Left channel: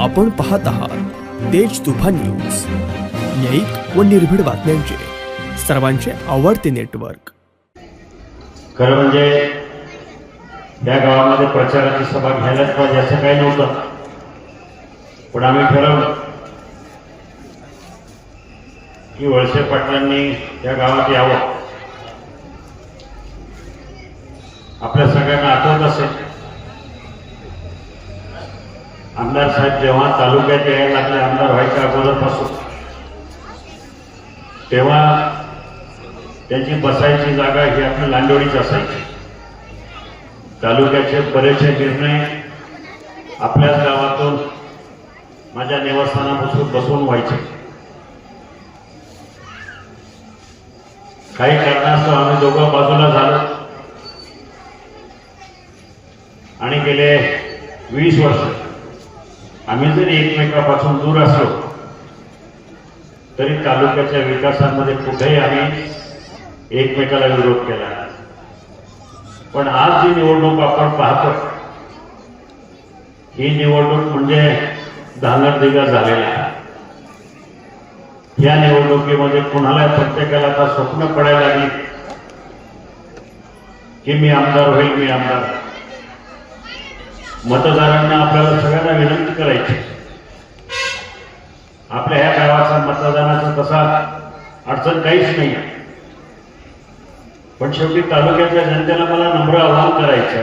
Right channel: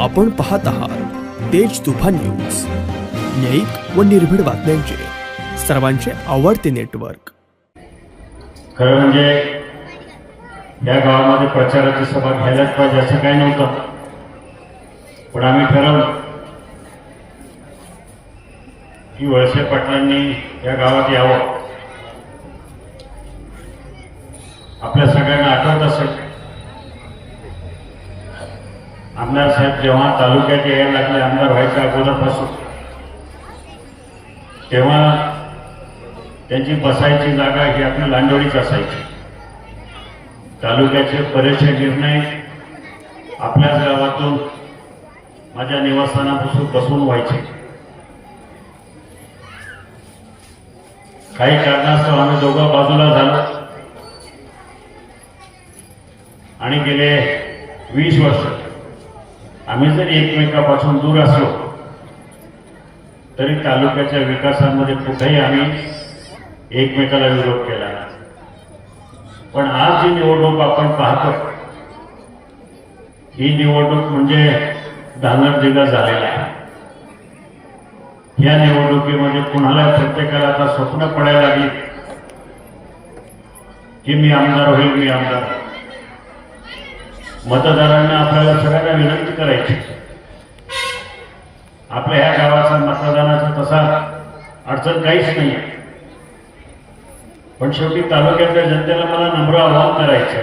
आपण पाहत आहात तेज तुफान न्यूज, न्यायिक व निर्भीड बातम्यांचे सर्वांचे आवडते नेटवर्क। खरं म्हणजे या गावामध्ये प्रचाराची सभा घ्यायलाच पाहिजे असं काही नव्हतं, पण आम्ही ठरवलं की वळसे पाटलांनी या गावात यावं। आपल्या सगळ्यांना आठवत असेल, आमदार साहेब जेव्हा तालुक्यात यायला लागले, आमदार व्हायच्या अगोदरपासून, तेव्हा त्यांची बसायची जागा ही आपली लांडोळीच असायची। तालुक्याचे बरेचसे निर्णय आपल्याच गावातून माझ्या निवासस्थानापासून बसून व्हायचे। काही कारणास्तव आम्ही दोघं बाजूला झालो आणि गेले 20 वर्ष आम्ही जरी एकमेकापासून दूर असलो तरी तालुक्याच्या विकासामध्ये कुठेही आम्ही एकमेकाला विरोध केला। पण आज जी निवडणूक आपण पाहतो, ही निवडणूक म्हणजे धांगडधिंगा झालेला आहे। या निवडणुकीमध्ये कुणाला प्रत्येकाला आता स्वप्न पडायला लागली की मी आमदार होईल, मी आमदार। मतदारांना आपल्याला सगळ्यांना विनंती करायची, आपल्या ह्या गावाचा मतदानाचा तसा अडचण काहीच नाही आहे, पण शेवटी तालुक्याच्या जनतेला मला नम्र आवाहन करायचं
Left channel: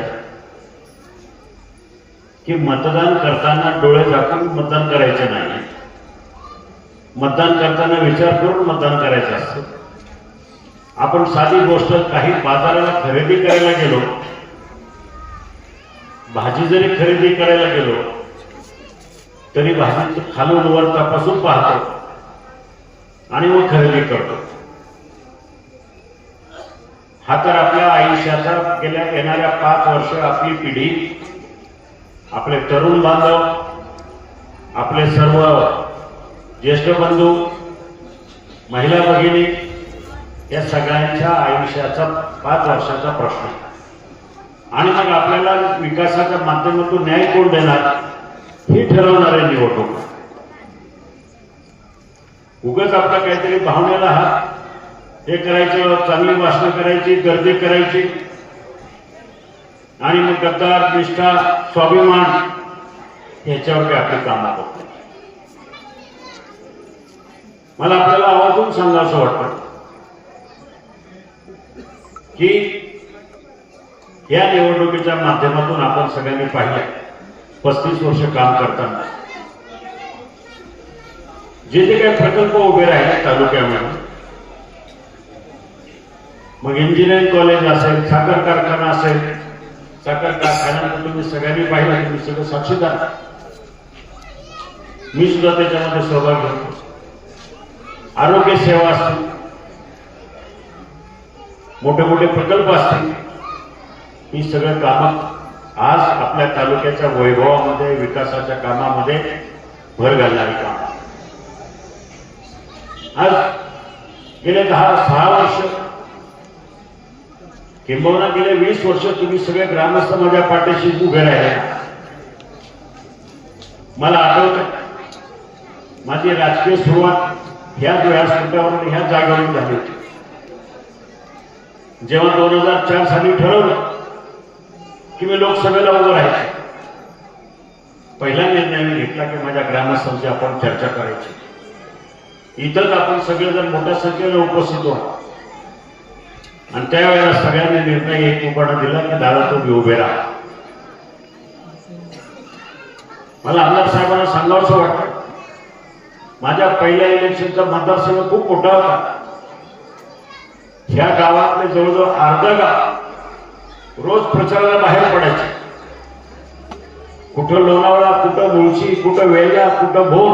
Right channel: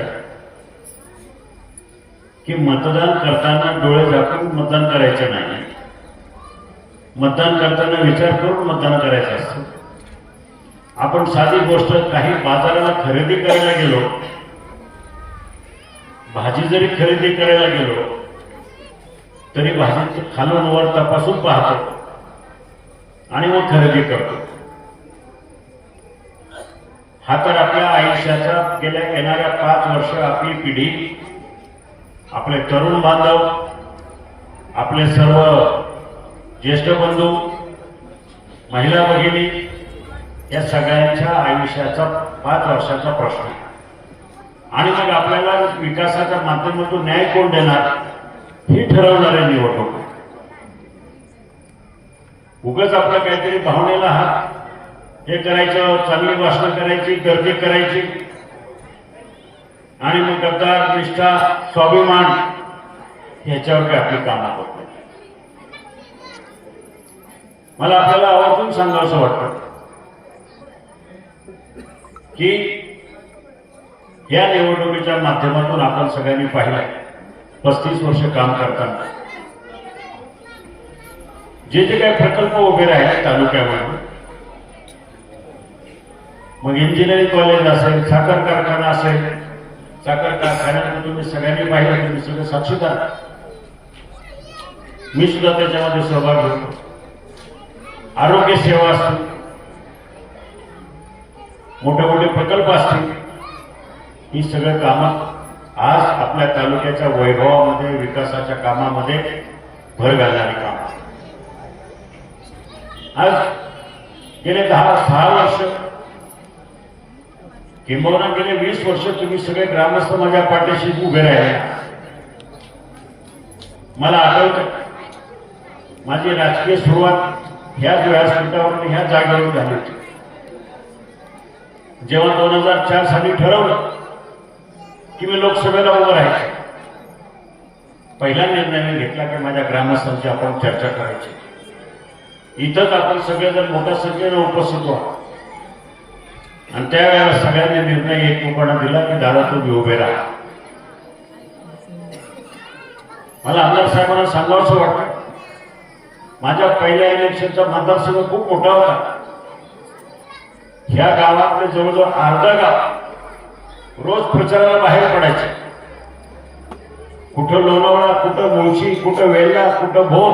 की मतदान करताना डोळे झाकून मतदान करायचं नाही। मतदान करताना विचार करून मतदान करायचं असतं। आपण साधी गोष्ट, काही बाजाराला खरेदी करायला गेलो, भाजी जरी खरेदी करायला गेलो तरी भाजी खालून वर तपासून पाहतो आणि मग खरेदी करतो। हा तर आपल्या आयुष्याचा गेल्या येणाऱ्या 5 वर्ष आपली पिढी, आपले तरुण बांधव, आपले सर्व ज्येष्ठ बंधू, महिला भगिनी, या सगळ्यांच्या आयुष्याचा 5 वर्षाचा प्रश्न आहे। आणि मग आपल्याला विकासाच्या माध्यमातून न्याय कोण देणार हे ठरवणारे निवडणूक। उगाच आपल्या काहीतरी भावनेला हे करायचं, चांगली भाषणं करायची, गर्दी करायची आणि मग गद्दार, निष्ठा, स्वाभिमान ह्याच्यावर आपली कामं करतो। मला आपल्याला आवर्जून सांगावंसं वाटतं की या निवडणुकीच्या माध्यमातून आपण सगळ्यांनी पाहिलं, 35 वर्ष काम करताना जे जे काही प्रकल्प उभे राहिले तालुक्यामध्ये, मग इंजिनिअरिंग कॉलेज असेल, साखर कारखाना असेल, साखर कारखान्यात तुम्ही सगळ्यांनी पाहिलं, तुम्ही सगळं साक्षीदार, मी सुद्धा त्याच्यामध्ये सहभाग घेतो। आरोग्य सेवा असतील, मोठे मोठे प्रकल्प असतील, ही सगळं कामं आज आपल्या तालुक्याच्या वैभवामध्ये, विकासाच्या कामामध्ये भर घालणारी काम। आज गेले 10-6 वर्ष, किंबहुना गेले 20 वर्ष तुम्ही सगळे ग्रामस्थ माझ्या पाठीशी उभे राहिले। मला आठवतं, माझी राजकीय सुरुवात ह्याच व्यासपीठावरून, ह्या जागेवरून झाली होती। जेव्हा 2004 साली ठरवलं की मी लोकसभेला उभं राहायचं, पहिला निर्णय मी घेतला की माझ्या ग्रामस्थांची आपण चर्चा करायची। इथंच आपण सगळेजण मोठ्या संख्येने उपस्थित व्हा आणि त्यावेळेला सगळ्यांनी निर्णय एकमुखाने दिला की दादा तुम्ही उभे राहा। मला आमदार साहेबांना सांगावंसं वाटतं, माझ्या पहिल्या इलेक्शनचा मतदारसंघ खूप मोठा होता। ह्या गावातले जवळजवळ अर्धा गाव रोज प्रचाराला बाहेर पडायचे। कुठं लोणावळा, कुठं मुळशी, कुठं वेल्हा, कुठं भोर,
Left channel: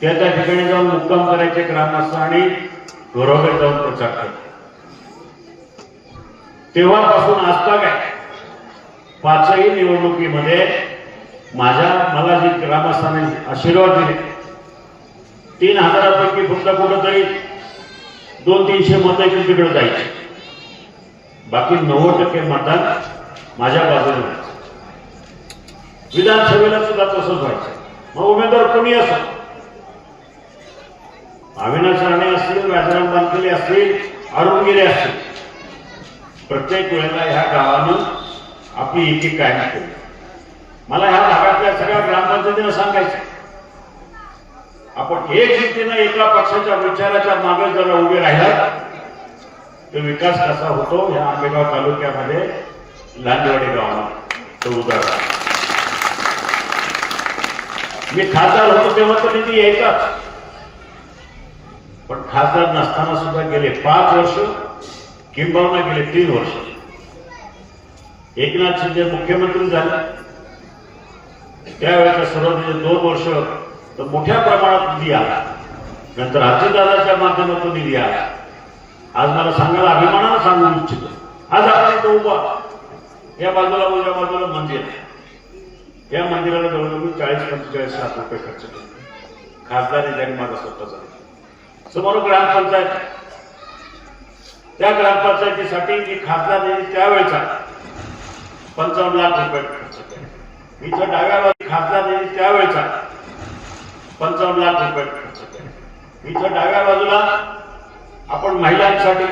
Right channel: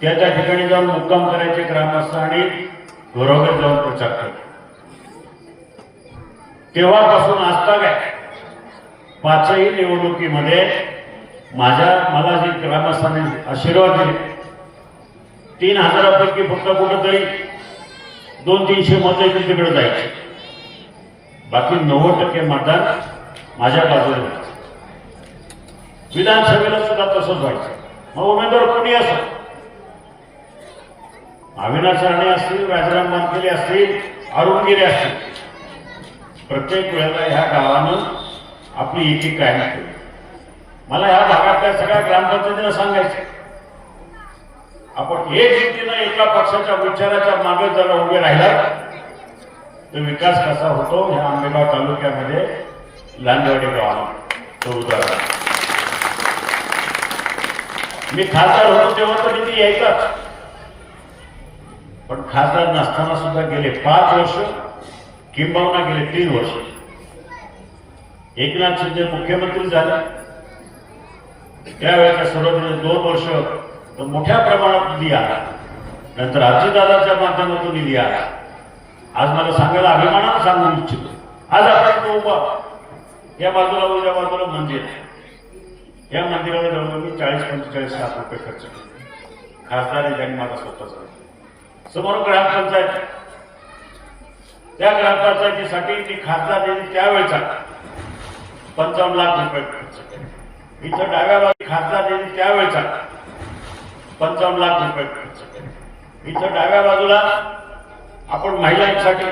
त्या ठिकाणी जाऊन मुक्काम करायचे ग्रामस्थ आणि घरोघर जाऊन प्रचार करायचे। तेव्हापासून आजतागायत 5ही निवडणुकीमध्ये मला जी ग्रामस्थांनी आशीर्वाद दिले, 3000पैकी फक्त कुठंतरी 200-300 मतं तिकडे जायचे, बाकी 90% मतदान माझ्या बाजूने व्हायचं। विधानसभेला सुद्धा तसंच व्हायचं. मग उमेदवार कोणी असो, अविनाश राणे असतील, राजाराम बानखेले असतील, अरुण गिरे असतील, प्रत्येक वेळेला ह्या गावानं आपली एकी कायम केली. मला ह्या भागातल्या सगळ्या ग्रामपंचायतीला सांगायचं, आपण एकजुटीनं एका पक्षाच्या विचाराच्या मागे जर उभे राहिला तर विकास कसा होतो ह्या आंबेगाव तालुक्यामध्ये लांजेवाडी गावानं तो उदाहरण. मी खासदार होतो तेव्हा तर निधी यायचाच, पण खासदार नसताना सुद्धा गेले 5 वर्ष, किंबहुना गेले 3 वर्ष एकनाथ शिंदे मुख्यमंत्री झाले. त्यावेळेच्या सुरुवातीचे 2 वर्ष तर मोठ्या प्रमाणात निधी आला, नंतर अजितदादाच्या माध्यमातून निधी आला. आज मला सांगायला अभिमानानं सांगू इच्छितो, आज आपण तो उभा या बाजूला उद्या बाजूला मंदिर, या मंदिराला जवळजवळ 40-45 लाख रुपये खर्च केले. खासदार यांनी माझा स्वतःचा. समोर ग्रामपंचायत, त्या ग्रामपंचायतीसाठी मी खासदार यांनी त्यावेळेचा 55 लाख रुपये खर्च केले. इथं डाव्या बाजू खासदार यांनी त्यावेळेचा 55 लाख रुपये खर्च केले. इथं डाव्या बाजूला आपण महिलांसाठी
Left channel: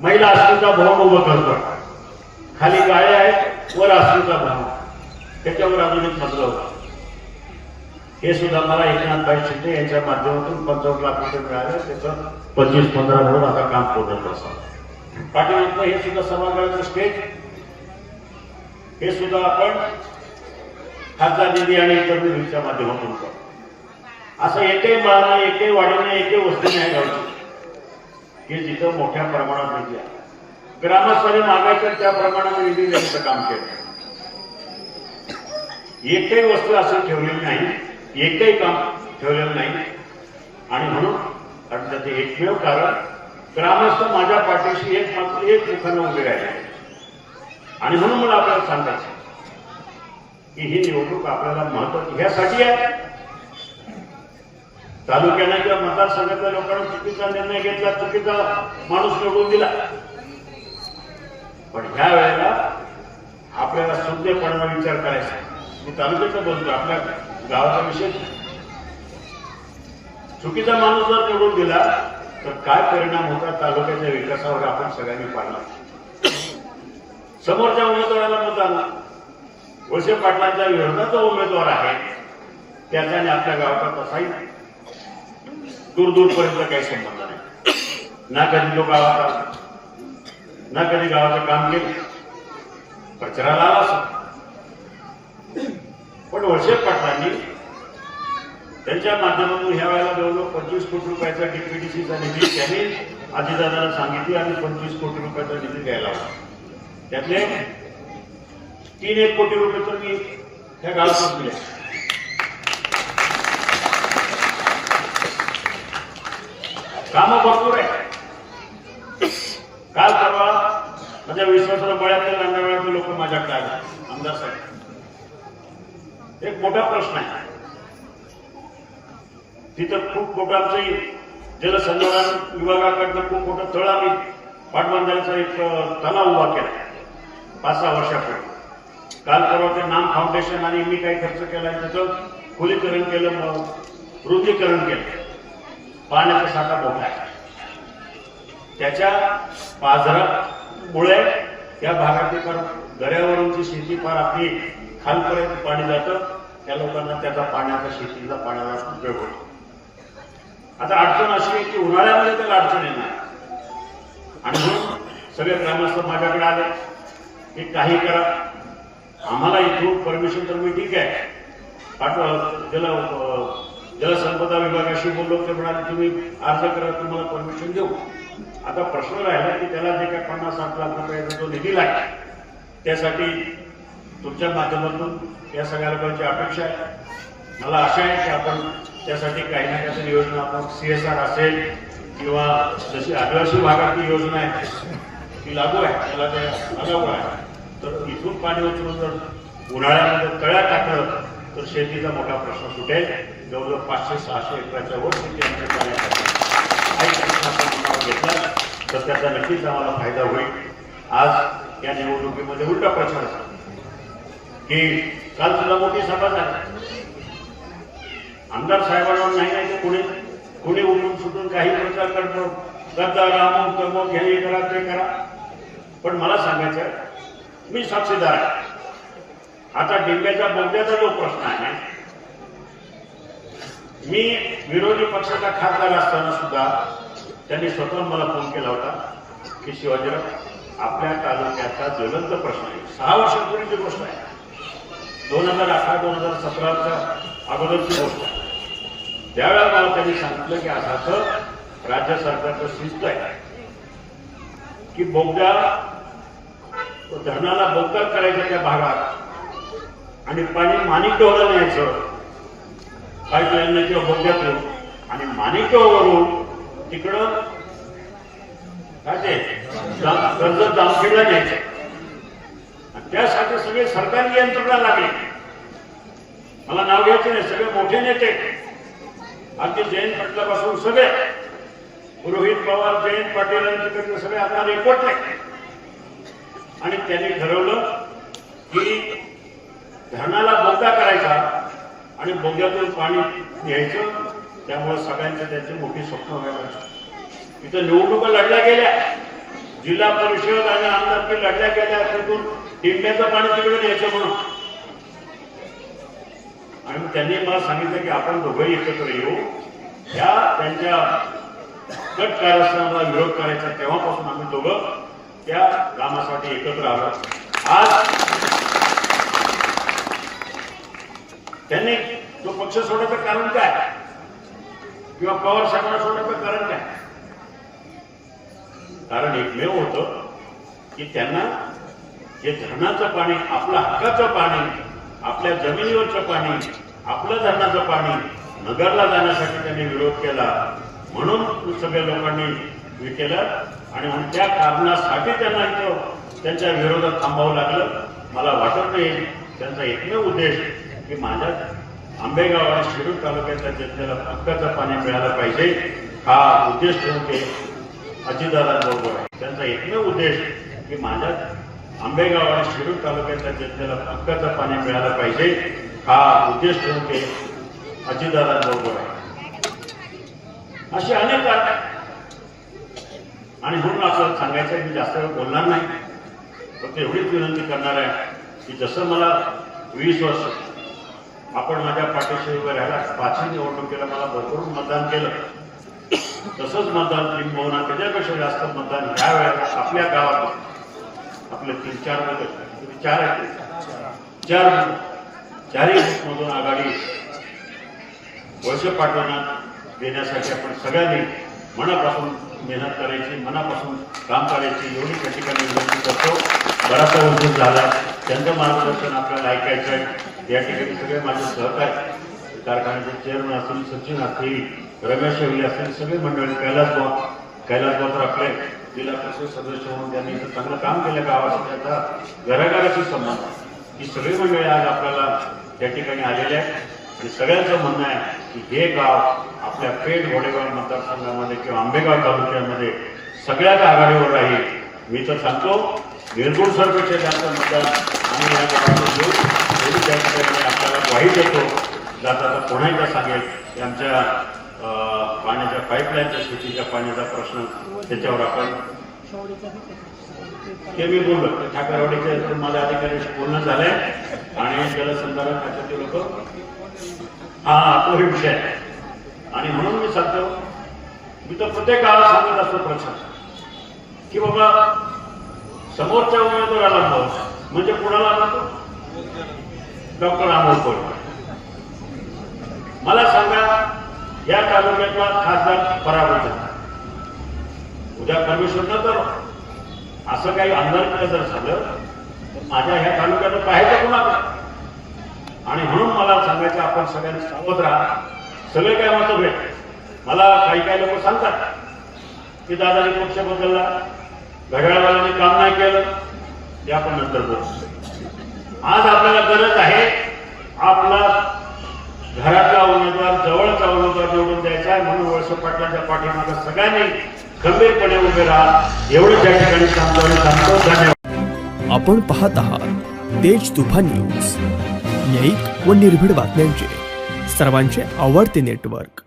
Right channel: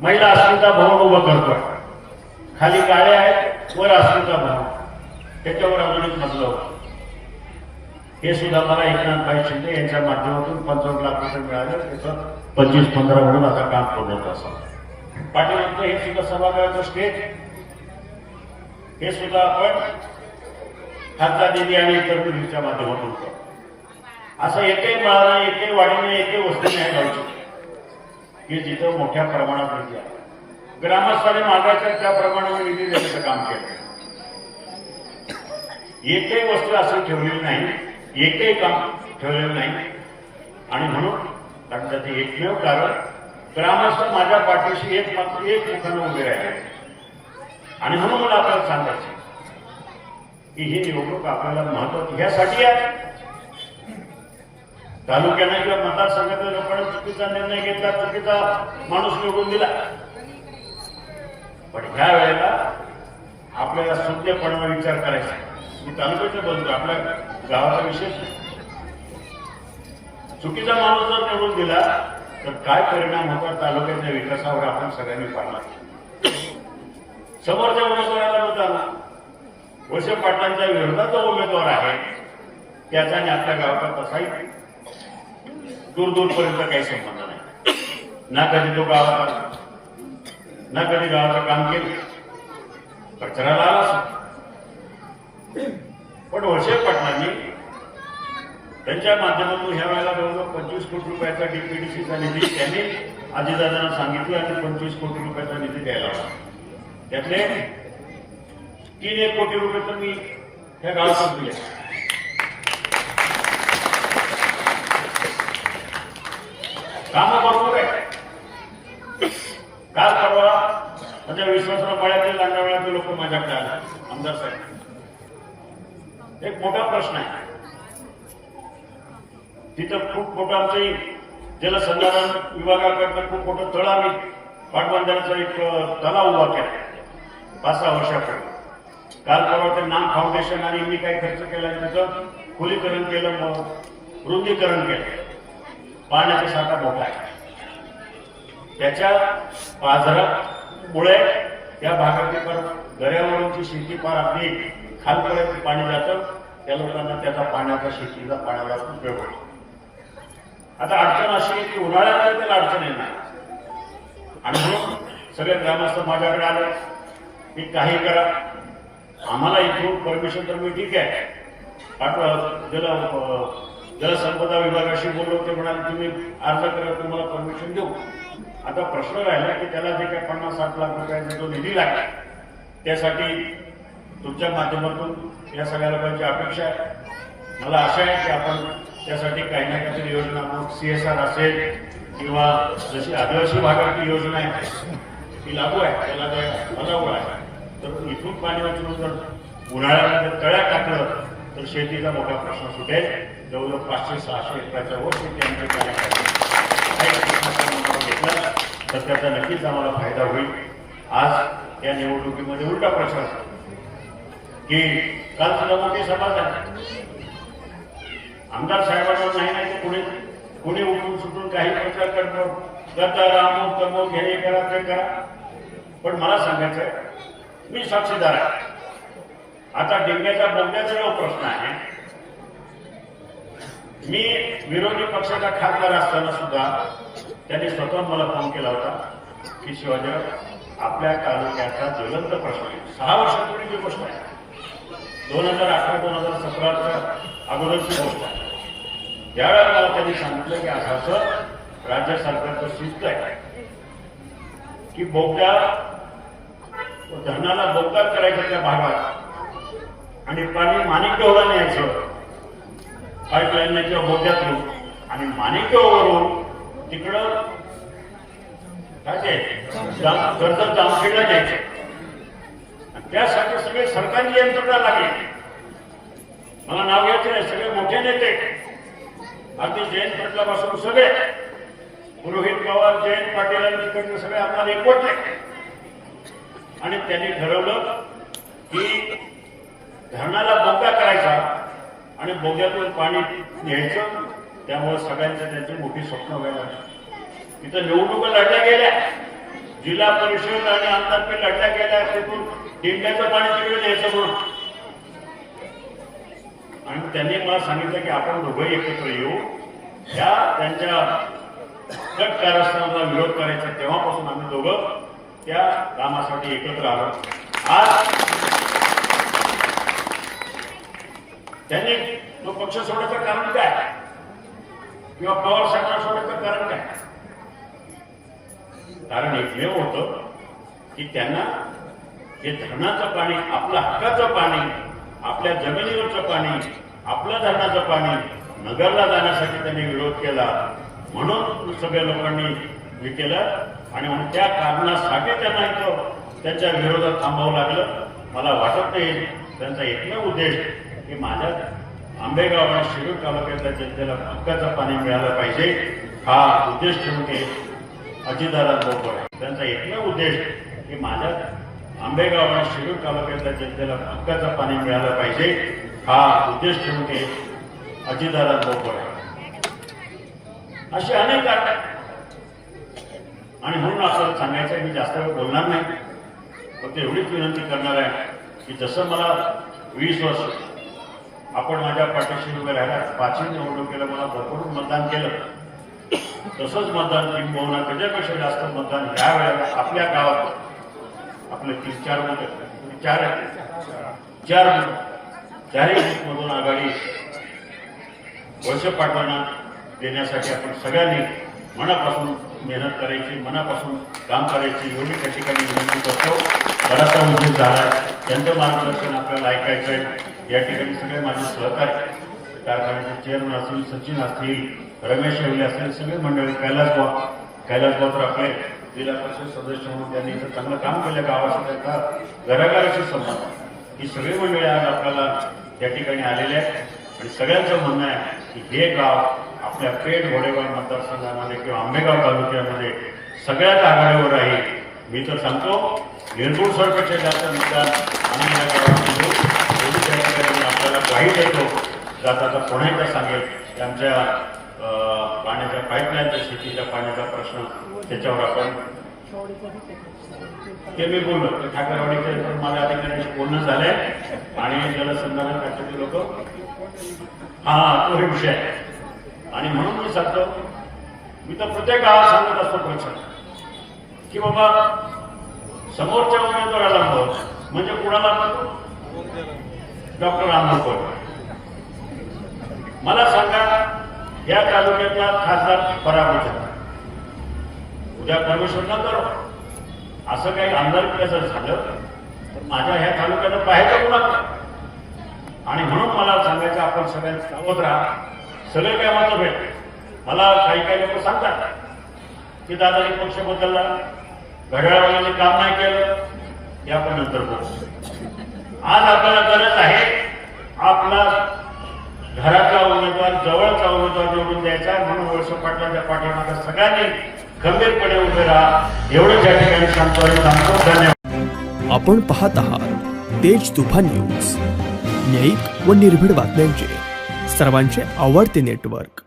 महिला अस्मिता भवन उभं करतोय. खाली गाळे आहेत, वर अस्मिता भवन, त्याच्यावर अजून एक मजला होता. हे सुद्धा मला एकनाथभाई शिंदे यांच्या माध्यमातून 55 लाख रुपये मिळाले. त्याचं 25-15 म्हणून आता काम पूर्ण असा. पाठीमागचं हे सुद्धा सभागृहाचं स्टेज, हे सुद्धा आपण खासदार निधी आणि इतर निधीच्या माध्यमातून करतो. असं एकही मिळालं, एकही वाढीनं, एकही वस्तू नाही गावची की जिथं मोठ्या प्रमाणात निधी आहे. ग्रामस्थांनी मागायच्या त्याप्रमाणे निधी देण्याचं काम केलं. एकही वस्तू असं ठेवलेली नाही, एकही काम ठेवलेलं नाही. आणि म्हणून त्याचे एकमेव कारण ग्रामस्थ माझ्या पाठीशी एक मुखानं उभे राहिले. आणि म्हणून मला आपल्याला सांगायचं की ही निवडणूक आपल्याला महत्वाची ह्यासाठी आहे. तालुक्याने किंवा मतदारसंघातल्या लोकांनी चुकीचा निर्णय घेतला, चुकीचा माणूस निवडून दिला, पण ह्या वेळेला आपल्याला शुद्धपणाने विचार करायचा. मी तालुक्याचं बोलतो, आपल्या गावाचा विषय. चुकीचा माणूस जर निवडून दिला तर काय परिणाम होतात तालुक्याच्या विकासावर आपण सगळ्यांनी पाहिला. समोरच्या उमेदवाराला मतदान वळसे पाटलांच्या विरोधात जो उमेदवार आहे त्याच्याने आपल्या गावाचा तसाही दूरपर्यंत काही संबंध नाही. ना कधी तो गावात आला, ना कधी गावाचं काम केलं, प्रचाराला आला असं. पण वळसे पाटलांनी त्यांच्या माध्यमातून ह्या वेळेला जवळजवळ 25 कोटी रुपयाचा डीपीडीसीचा निधी त्यांनी अजितदादांना सांगितलं आणि 25 कोटी रुपयाचा निधी द्यायला होता. त्यातले 3-1 कोटी रुपये तर मी ह्या गावात दिले. कामं भरपूर आहे. काल परवा म्हणजे विश्वासराव गळ्यातले लांडावळ्यातले लोक माझ्याकडे आले, आमदार साहेब. एक मोठा प्रश्न आहे तिथं. खूप मोठं आमचं जलसंधारण विभागाकडनं खूप मोठं तळ आम्ही पाटबंधाऱ्याचा एक तलाव उभा केला 5-6 वर्षापूर्वी. काल परवा ते नाम फाउंडेशन आणि मी काही खर्च केला, त्याचं खोलीकरण केलं, रुंदीकरण केलं. पाण्याचा साठा मोठा आहे. त्याच्या पाझरामुळे त्या भागातली फार दऱ्यावरूनची शेती फार अगदी खालपर्यंत पाणी जातं. त्या लोकांना त्याचा पाण्याचा शेतीचा पाण्याला उपयोग होतो. आता अडचण अशी आहे की उन्हाळ्यामध्ये त्याला अडचण येणार. आणि म्हणून सगळे ग्रामस्थ माझ्याकडे आले की काही करा, आम्हाला इथून परमिशन तर मी ठीक आहे पाठवा. जलसंपदा विभागाशी बोललो, ते म्हणाले तुम्ही अर्ज करा, तुम्हाला परमिशन देऊ. आता प्रश्न राहिला की त्याला जे काही 50-60 लाख रुपयाचा जो निधी लागला त्यासाठी तुमच्या माध्यमातून या सगळ्या लोकांची अपेक्षा आहे. मला आशा आहे की आपण त्यासाठी काही ना काहीतरी योजना, आपण CSR असेल किंवा जशी आदिवासी भागातली योजना आहे ती लागू आहे, त्याला ते लागू आहे. तर इथून पाणी उचलून जर उन्हाळ्यामध्ये तळ्यात टाकलं तर शेतीचा मोठा प्रश्न सुटेल. जवळजवळ 500-600 एकराच्या वर शेती आमच्या पाण्यासाठी घेतला तर त्याचा नक्कीच आम्हाला फायदा होईल. आज या निवडणुकीमध्ये उलटा प्रचार की काल सुद्धा मोठी सभा झाली. आमदार साहेबांना नाही तर कोणी उठून सुटून काही प्रचार करतो, गद्दार अमुक तमुक हे करा ते करा. पण मला सांगायचं आहे, मी साक्षीदार आहे. आता डिंग्याच्या बोगद्याचा जो प्रश्न आहे, मी विरोधी पक्षाचा खासदार असताना सुद्धा त्यांनी स्वतः मला फोन केला होता की शिवाजीराव आपल्या तालुक्याचा ज्वलंत प्रश्न आहे. 6 वर्षांपूर्वीची गोष्ट आहे, 2018-2017च्या अगोदरची गोष्ट आहे. त्यावेळेला मला त्यांनी सांगितलं की असं राज्य सरकारचं शिस्त आहे की बोगदा धरणाला बोगदा करायचं त्या भागात आणि पाणी माणिकदेवला न्यायचं पाईपलाईन किंवा बोगद्यातून आणि माणिकदेववरून तिकडं काय ते कर्जत जामखेडला न्यायचं. त्यासाठी सगळे सरकारी यंत्रणा लागली. मला नाव घ्यायचे नाही, सगळे मोठे नेते अगदी जयंत पाटलापासून सगळे रोहित पवार, जयंत पाटील तिकडचे सगळे आपल्याला एकवटले आणि त्यांनी ठरवलं की धरणाला बोगदा करायचा आणि बोगद्यातून पाणी न्यायचं. त्यामुळे सगळ्यांचं त्यांची मोठी स्वप्न व्हायला लागली. इथं निवडणुका लढल्या गेल्या, जिल्हा परिषद आणि आमदारकी लढल्या गेल्या, तिथून टिंब्याचं पाणी तिकडे न्यायचं म्हणून. आणि त्यांनी मला सांगितलं की आपण दोघंही एकत्र येऊ, त्या त्यांच्या गट कारस्थानाला विरोध करायचा. तेव्हापासून आम्ही दोघं त्या कामासाठी एकत्र आलो. आज त्यांनी तो पक्ष सोडायचं कारण काय किंवा पवार साहेबांना सोडायचं कारण काय? कारण एकमेव होतं की त्यांना हे धरणाचं पाणी, आपलं हक्काचं पाणी, आपल्या जमिनीवरचं पाणी, आपलं धरणाचं पाणी नगरला जाण्यासाठी त्यांनी विरोध केला. म्हणून सगळ्या लोकांनी हे केलं आणि म्हणून त्या कारणासाठी त्यांना त्यांच्या विरोधात थांबावं लागलं. मला वाटत नाही त्यांचा एकमेव उद्देश की माझ्या आंबेगाव आणि शिरूर तालुक्यातल्या जनतेला हक्काचं पाणी मिळालं पाहिजे हा उद्देश ठेवून ते अजितदादांबरोबर आहे. त्यांचा एकमेव उद्देश की माझ्या आंबेगाव आणि शिरूर तालुक्यातल्या जनतेला हक्काचं पाणी मिळालं पाहिजे हा उद्देश ठेवून ते अजितदादांबरोबर आहे. अशी अनेक कारण आहेत आणि म्हणून आपल्याला सांगायचं मी जास्त वेळ बोलणार नाही, फक्त एवढीच विनंती करणार आहे की जसं मला 20 वर्ष आपण माझ्या पाठीशी उभे राहिला, 5ही निवडणुकीला मला भरपूर मतदान केलं, तसंच मतदान किंबहुना त्याच्यापेक्षा जास्त मतदान ह्या वेळेला आपल्या गावात आपले 3-4 बूथ, 4 चारही बूथमधून आघाडी वळसे पाटलांना देण्यासाठी आपण सगळ्यांनी मनापासून मेहनत करायची, मनापासून काम करायची एवढी त्या ठिकाणी विनंती करतो. बराचसा उशीर झाला, त्यांचं मार्गदर्शन आपल्याला ऐकायचं आहे. या ठिकाणी सगळे माझे सहकारी, कारखान्याचे चेअरमन असतील, सचिन असतील, रमेश शेवली असतील, सगळे मंडळी, कैलास बाबर आपले जिल्हा परिषद सदस्य म्हणून त्यांनी इथं चांगलं काम केलं. गावाशी त्यांचा घराघराशी संबंध, ही सगळी मंडळी आज आपल्याला त्या ठिकाणी आलेले आहेत आणि सगळ्यांचं म्हणणं आहे की हे गाव आपल्या पेठ घोडेगाव मतदारसंघामध्ये किंवा आंबेगाव तालुक्यामध्ये सगळ्यात आघाडीवर राहील. मी तर सांगतो निर्गुण सरपेक्षा जास्त मतदान आम्ही या गावामध्ये घेऊ, त्या ठिकाणी आपल्याला ग्वाही देतो. जाता पुन्हा एकदा सांगेल की आमच्या पाण्याच्या पाईपलाईनच्या शेतीच्या पाण्याचा प्रश्न त्याच्यावर आपण ते मी बोललो ते ठाकरवाडीचे माझ्या अधिकाऱ्यांशी बोलणं झालंय आणि जलसंधारण खात्याचे लोक हा तो हे विषय आहे. आणि म्हणून मी सांगतो, मी तर प्रत्येक गावात सांगत असतो प्रश्न की बाबा समोरच्या उमेदवाराला मत म्हणजे कुणाला म्हणतो डॉक्टर अमोल कोल्हे. मला सांगा या तालुक्यातला खासदार पराभूत झाला, उद्या परमेश्वर न करो असं काही आमदार जर झालं तर माझ्या ह्या तालुक्यात पाहायचं कुणाला. आणि म्हणून मला सांगायचं आपण सगळ्यांनी सावध राहा. सगळे काय मतभेद, मला काही लोक सांगतात की दादानी पक्ष बदलला, घड्याळवाल्यांनी काम नाही केलं, हे आपण नंतर बोलू. आज आपल्याला गरज आहे आपला घराचा उमेदवार, जवळचा उमेदवार निवडून द्यायचा आहे. म्हणून वळसे पाटलांच्या पाठीमागे सगळ्यांनी गंभीरपणे उभे राहा एवढं त्या ठिकाणी सांगतो. धन्यवाद. आपण पाहत आहात तेज तुफान न्यूज. न्यायिक व निर्भीड बातम्यांचे सर्वांचे आवडते नेटवर्क.